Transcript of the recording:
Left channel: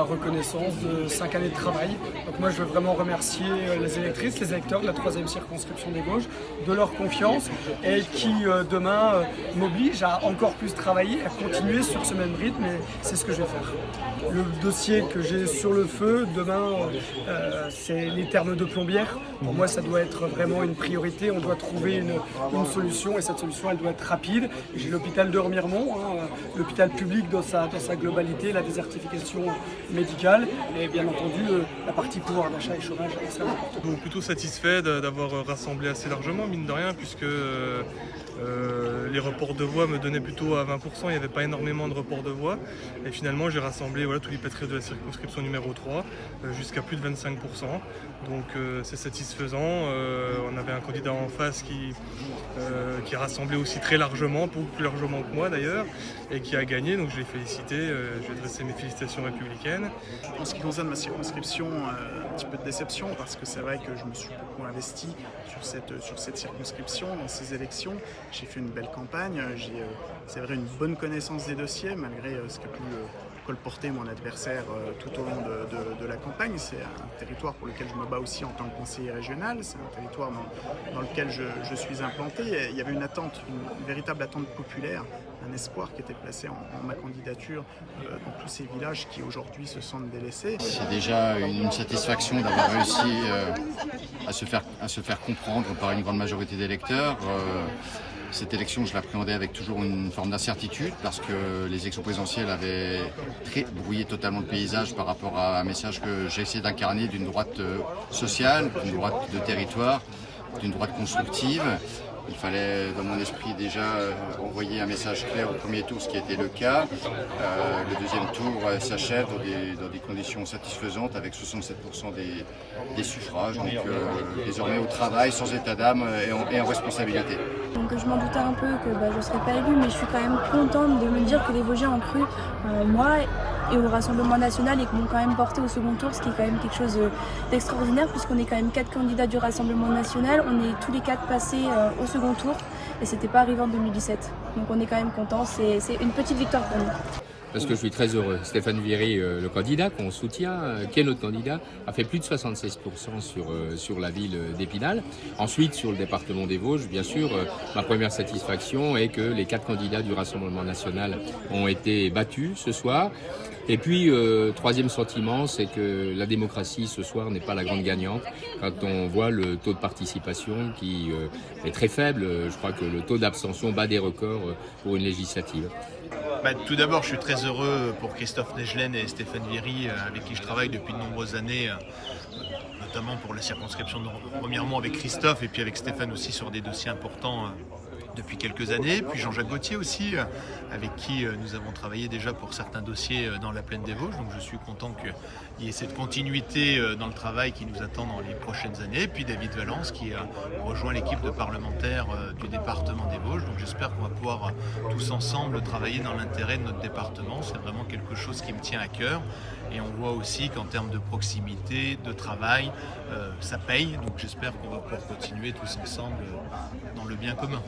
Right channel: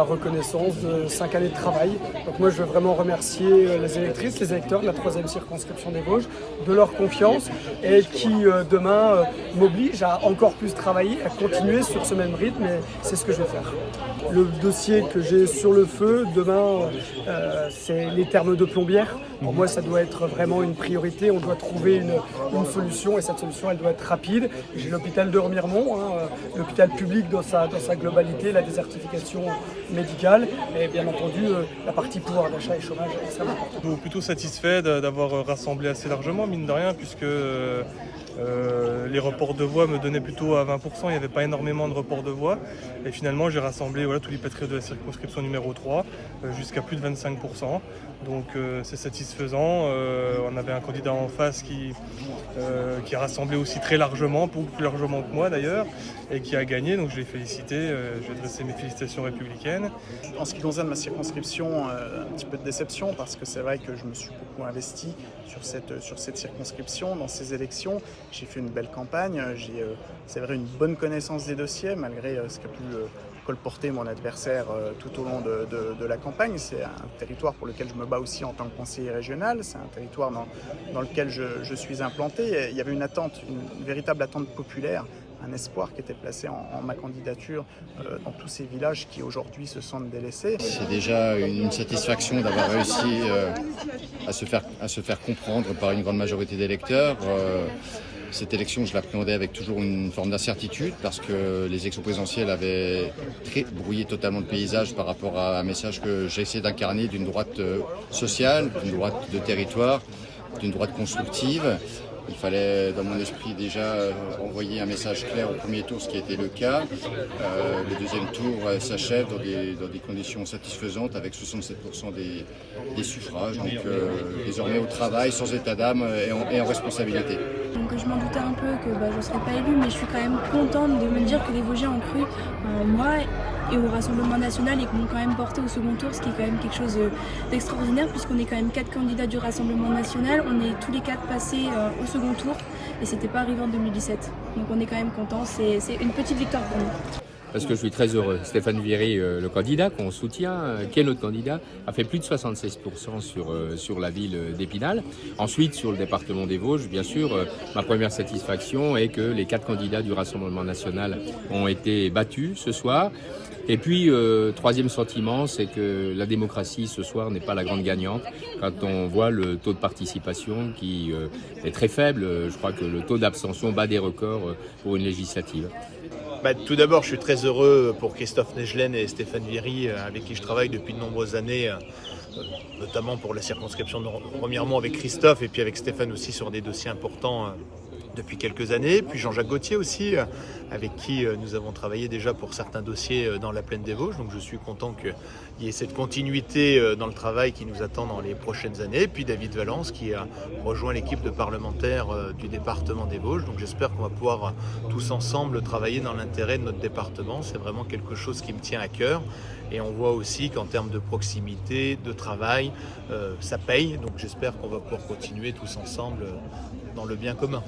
la reconnaissance de 5 années de travail. Donc moi, je veux vraiment remercier les électrices, les électeurs de la 3e circonscription des Vosges de leur confiance et qui, demain, m'oblige à encore plus travailler, à continuer sur ce même rythme, et c'est ce que je vais faire. Le dossier que j'ai sur le feu, demain, c'est les thermes de Plombières. Pour moi, ça doit être vraiment une priorité. On doit trouver une solution, et cette solution, elle doit être rapide. J'ai l'hôpital de Remiremont, l'hôpital public dans sa globalité, la désertification médicale, et bien entendu, la partie pouvoir d'achat et chômage. Plutôt satisfait d'avoir rassemblé assez largement, mine de rien, puisque les reports de voix me donnaient plutôt à 20%, il n'y avait pas énormément de reports de voix, et finalement j'ai rassemblé tous les patriotes de la circonscription numéro 3 jusqu'à plus de 25%, donc c'est satisfaisant. On avait un candidat en face qui a rassemblé aussi très largement, beaucoup plus largement que moi d'ailleurs, et qui a gagné, donc je l'ai félicité, je vais adresser mes félicitations républicaines. En ce qui concerne ma circonscription, un petit peu de déception, parce que c'est vrai que je me suis beaucoup investi sur cette circonscription, dans ces élections. J'ai fait une belle campagne, j'ai c'est vrai une bonne connaissance des dossiers, malgré ce qu'a pu colporter mon adversaire tout au long de la campagne. C'est un territoire pour lequel je me bats aussi en tant que conseiller régional, c'est un territoire dans lequel je suis implanté. Et il y avait une attente, une véritable attente populaire, un espoir qui était placé en ma candidature dans tous ces villages qui aujourd'hui se sentent délaissés. C'est déjà une satisfaction d'avoir réussi à se faire comprendre par une grande majorité d'électeurs. Cette élection, je l'appréhendais avec toujours une forme d'incertitude parce que les élections présidentielles avaient brouillé totalement le paysage par rapport à un message que j'ai essayé d'incarner d'une droite sociale, d'une droite de territoire, d'une droite constructive. Il fallait, dans mon esprit, déjà envoyer un message clair au premier tour, ce qui a été le cas. Le deuxième tour s'achève dans des conditions satisfaisantes avec 67% des suffrages. Donc désormais au travail, sans état d'âme et en responsabilité. Donc je m'en doutais un peu que je ne serais pas élue, mais je suis quand même contente de me dire que les Vosgiens ont cru en moi et au Rassemblement national et qui m'ont quand même porté au second tour, ce qui est quand même quelque chose d'extraordinaire puisqu'on est quand même 4 candidats du Rassemblement national, on est tous les 4 passés au second tour et c'était pas arrivé en 2017. Donc on est quand même contents, c'est une petite victoire pour nous. Parce que je suis très heureux. Stéphane Viry, le candidat qu'on soutient, qui est notre candidat, a fait plus de 76% sur la ville d'Épinal. Ensuite, sur le département des Vosges, bien sûr, ma première satisfaction est que les 4 candidats du Rassemblement national ont été battus ce soir. Et puis, troisième sentiment, c'est que la démocratie ce soir n'est pas la grande gagnante. Quand on voit le taux de participation qui est très faible, je crois que le taux d'abstention bat des records pour une législative. Tout d'abord, je suis très heureux pour Christophe Negelen et Stéphane Viry, avec qui je travaille depuis de nombreuses années, notamment pour la circonscription de Remiremont avec Christophe et puis avec Stéphane aussi sur des dossiers importants depuis quelques années. Puis Jean-Jacques Gauthier aussi, avec qui nous avons travaillé déjà pour certains dossiers dans la plaine des Vosges. Donc je suis content qu'il y ait cette continuité dans le travail qui nous attend dans les prochaines années. Et puis David Valence qui a rejoint l'équipe de parlementaires du département des Vosges. Donc j'espère qu'on va pouvoir tous ensemble travailler dans l'intérêt de notre département. C'est vraiment quelque chose qui me tient à cœur. Et on voit aussi qu'en termes de proximité, de travail, ça paye. Donc j'espère qu'on va pouvoir continuer tous ensemble dans le bien commun.